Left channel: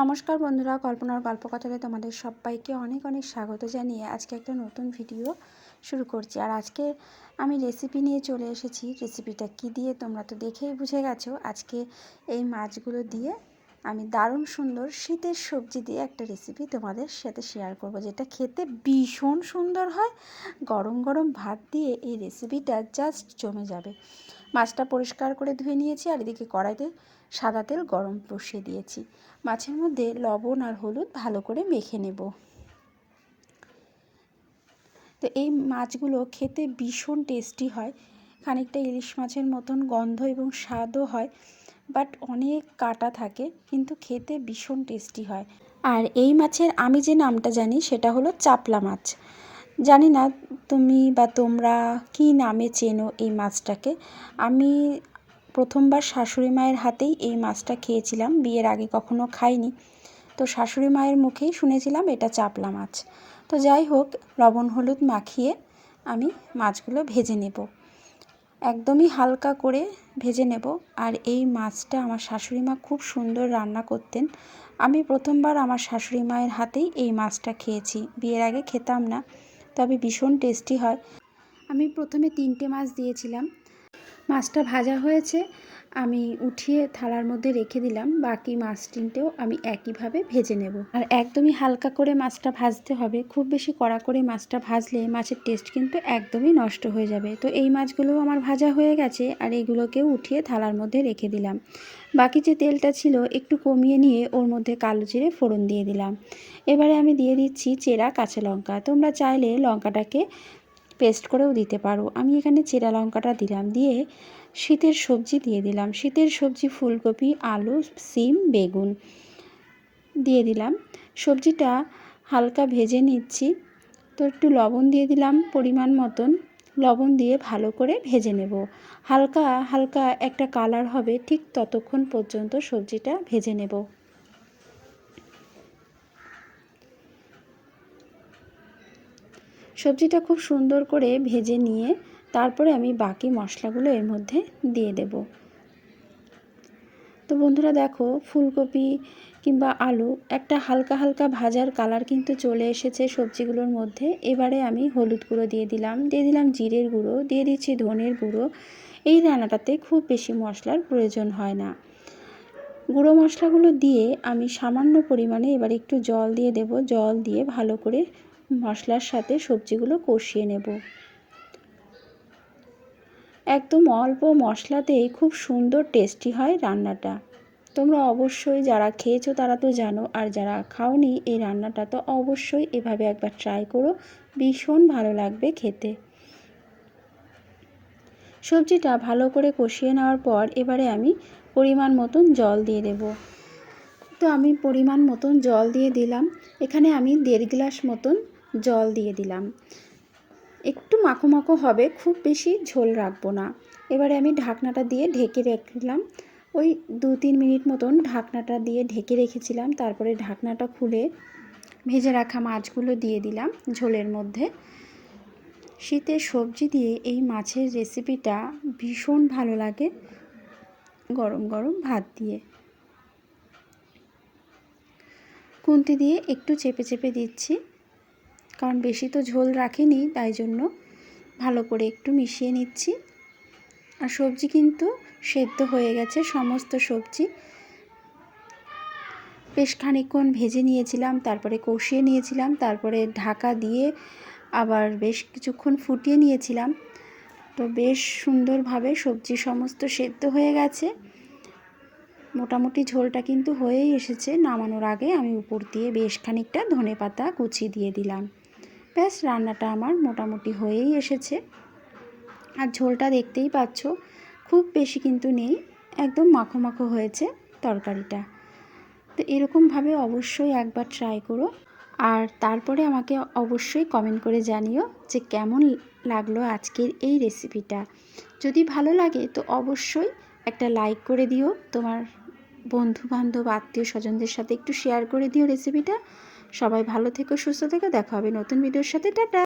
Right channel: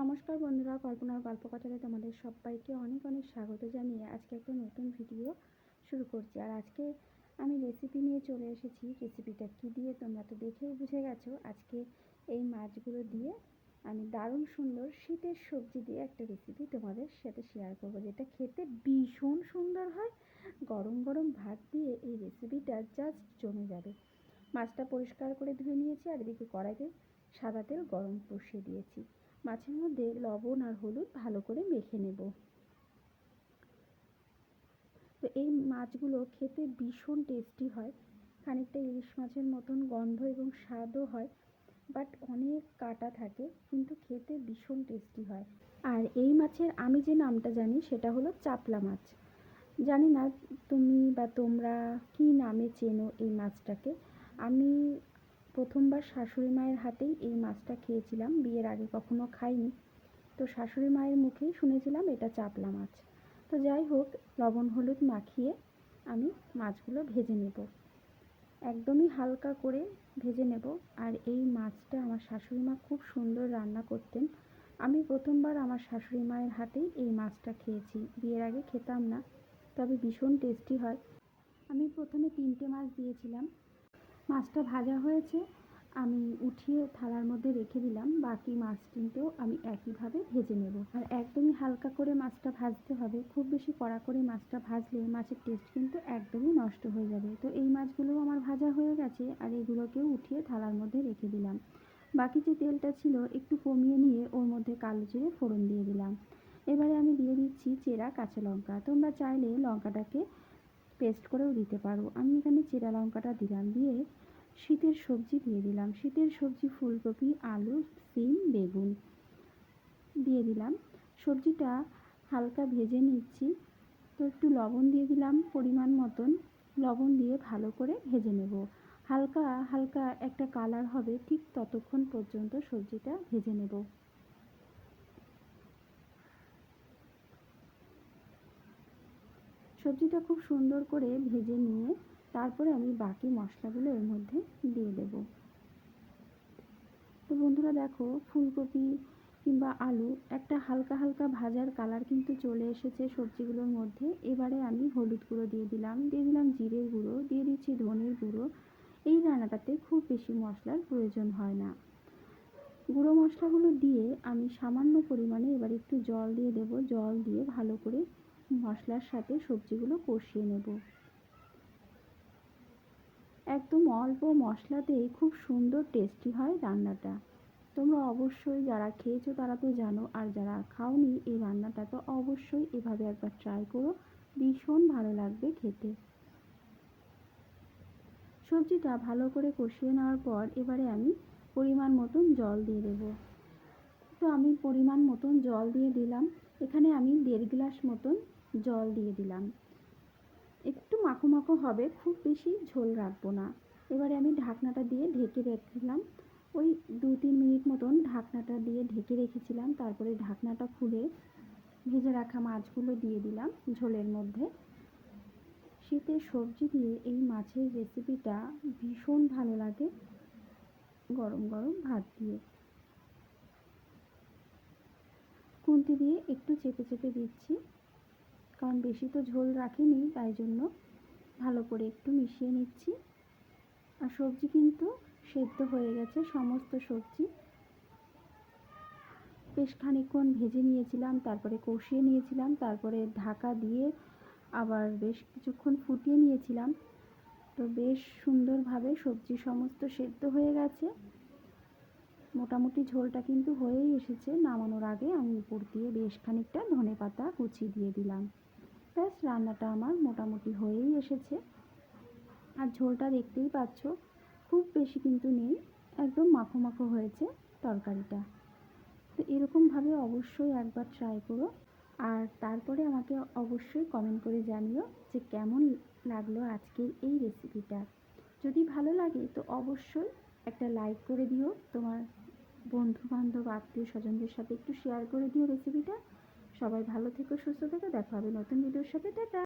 নমস্কার বন্ধুরা কল্পনার গল্প কথাতে তোমাদের সবাইকে অনেক অনেক স্বাগত জানিয়ে আজকে একটা নতুন ভিডিও শুরু করছি। আর আজকে আমি রেসিপি নিয়ে চলে এসেছি। রেসিপিটা কি দিয়ে তোমরা তো দেখেই বুঝে গেছো। আজকে এই মাছগুলো দিয়ে আমি দারুণ সুন্দর শীতের সবজি দিয়ে একটা রেসিপি তোমাদের সাথে শেয়ার করব, যেটা খেতে ভীষণ সুন্দর হয়। গরম গরম ভাত দিয়ে এই রেসিপিটা জাস্ট জমে যাবে। মাছটা পরিষ্কার করে ধুয়ে নিয়েছি আর এদিকে কড়াইতে সাদা তেল গরম বসিয়ে দিয়েছি। মাছের মধ্যে লবণ আর হলুদ ভালো করে মেখে নেব। তো এই মাছগুলো খেতে ভীষণ টেস্টি হয়, খানিকটা ইলিশ মাছের মতন গন্ধ এবং স্বাদও হয়, বাট অনেক কাটা থাকে, কিন্তু খেতে ভীষণ টেস্টি হয়। আর এই মাছের আমি যে নামটা জানি সেটা হলো চাপলা মাছ। জানি না তুমি বা তোমরা কি নামে চেনো এই মাছটাকে। আমি প্রথমবার শাশুড়ি মায়ের হাতেই এই মাছটা খেয়েছিলাম, বিয়ের আগে কখনো খাইনি। তো শাশুড়ি মায়ের মুখেই শুনেছিলাম এটা চাপলা মাছ। তো যাই হোক, লবণ হলুদ মাখিয়ে আমি মাছগুলো ভেজে নেব। একদমই হালকা করে ভেজে নেব। আর এই মাছটা আমার শাশুড়ি মা খুব সুন্দর রান্না করতেন। আমি প্রথমবার আমার শাশুড়ি মায়ের হাতেই এই মাছটা খেয়েছি। বিয়ের আগে খেতাম না। তবে ভীষণ টেস্টি হয়। আমি প্রথমে তিনটে মাছ দিয়েছিলাম। মাছটা ভাজা হয়েছে। আমি উঠিয়ে থালার মধ্যে রেখে দিলাম, বাকি মাছ তিনটেও আমি একইভাবে ভেজে নেব। আর একদমই হালকা করে মাছটা ভাজতে হবে। খুব বেশি কড়া করে মাছটা ভাজলে মাছের টেস্ট কিন্তু একদমই নষ্ট হয়ে যাবে। তো এই মাছগুলোও আমার ভাজা হয়ে গেছে, আর এইগুলোকেও উঠিয়ে থালার মধ্যে রেখে দিলাম। বাকি যে তেলটা ছিল একটু কমিয়ে নিয়ে ওর মধ্যে কালো জিরে ফোড়ন দিয়ে দিলাম। এবারে আমি দিয়ে দিচ্ছি চেরা কাঁচা লঙ্কা। তোমরা চাইলে লঙ্কাটাকে পেস্ট করেও দিতে পারো। আমি এখানে চেরা লঙ্কাটা দিলাম। দিয়ে শীতের সবজি দিয়ে দিলাম। শীতের সবজি ফুলকপি, আলু, সিম, বেগুন দিয়ে দিলাম। সবজিটা হালকা ভেজে নিচ্ছি। তো একটু লবণ দিয়ে দিলাম পরিমাণ মতন। লবণ দিয়ে ভালো করে ভেজে নেব। হালকা হালকা একটা কালার হবে ঠিক ততক্ষণ পর্যন্ত সবজিটা ভেজে নেব। সবজিটা খুব সুন্দর করে ভেজে নিয়ে তারপরে আমি বাকি মশলাগুলো এর মধ্যে দিয়ে দেব। তো বন্ধুরা দেখো, ফুলকপি কিংবা আলু একটা হালকা হালকা ভাজার কালার কিন্তু চলে এসেছে সবজিগুলোর মধ্যে। এবারে আমি হলুদ গুঁড়ো দিয়ে দিলাম দিয়ে দিলাম জিরের গুঁড়ো, দিয়ে দিচ্ছি ধনের গুঁড়ো। এই রান্নাটাতে খুব বেশি মশলার প্রয়োজন হয় না। গুঁড়ো মশলাগুলো দিয়ে আমি সামান্য পরিমাণে এবার একটু জল দিয়ে দেব, জল দিয়ে ভালো করে মশলার সাথে সবজিগুলো কষিয়ে নেব। একদম অল্প মশলাতেই খুব সুন্দর টেস্টি হয় রান্নাটা। তোমরা অবশ্যই যারা খেয়েছো তারা তো জানো, আর যারা খাওনি এই রান্নাটা তো অবশ্যই এভাবে একবার ট্রাই করো, ভীষণ ভালো লাগবে খেতে। সবজিটা ভালো করে কষিয়ে নেওয়ার পর এবারে আমি পরিমাণ মতন জল দিয়ে দেব। তো আমি পরিমাণ মতন জল দিয়ে দিলাম। এখানে আমি দেড় গ্লাস মতন জল দিয়ে দিলাম। একটু মাখো মাখো হবে, খুব বেশি ঝোল রাখব না। এবারে আমি ঢাকনাটা দিয়ে ঢেকে রাখলাম। ওই দু তিন মিনিট মতন ঢাকনাটা দিয়ে ঢেকে রেখেছিলাম। তারপরে ঢাকনাটা খুলে ভেজে রাখা মাছগুলো দিয়ে দিলাম ঝোলের মধ্যে। শীতের সবজি দিয়ে এই মাছের রেসিপিটা ভীষণ ভালো লাগে গরম গরম ভাত দিয়ে। খুন্তি দিয়ে একটু চেপে চেপে দিচ্ছি। কারণ বেশি তো ঝোল রাখিনি, তাই জন্য ভালো করে একটু মিশিয়ে নিচ্ছি। আর সবজি কিন্তু সেদ্ধ হয়ে গেছে, সমস্ত সবজি। বেশ খানিকক্ষণ ভেজে নিয়েছিলাম, তারপরে কষিয়ে নিয়েছিলাম, তারপরে ঢাকা দিয়ে আবার বেশ কিছুক্ষণ ফুটিয়ে নিয়েছিলাম। তো বেশ সুন্দরভাবে সবজি সমস্ত সেদ্ধ হয়ে গেছে। মোটামুটি ঝোলটা কিন্তু হয়েই এসেছে, নামানোর আগে আমি উপর দিয়ে বেশ খানিকটা ধনে পাতা কুচি দিয়ে দিলাম। ব্যাস, রান্নাটা আমার মোটামুটি হয়েই এসেছে। আর ঝোলটা দেখতেই পাচ্ছ, খুব বেশি কিন্তু নেই, একদম মাখো মাখো হয়েছে তরকারিটা। তো এরকমভাবে অবশ্যই একবার ট্রাই করো। আর তারপরে আমাকে অবশ্যই কমেন্ট করে জানিও যে কেমন লাগল আজকের এই রেসিপিটা যদি ভালো লাগে তো অবশ্যই একটা লাইক করে দিও। তোমার বন্ধু বান্ধব আত্মীয় স্বজনদের সাথে একটু শেয়ার করে দিও রেসিপিটা সবাই ভালো থেকো সুস্থ থেকো দেখা হবে নতুন ভিডিওর সাথে টাটা।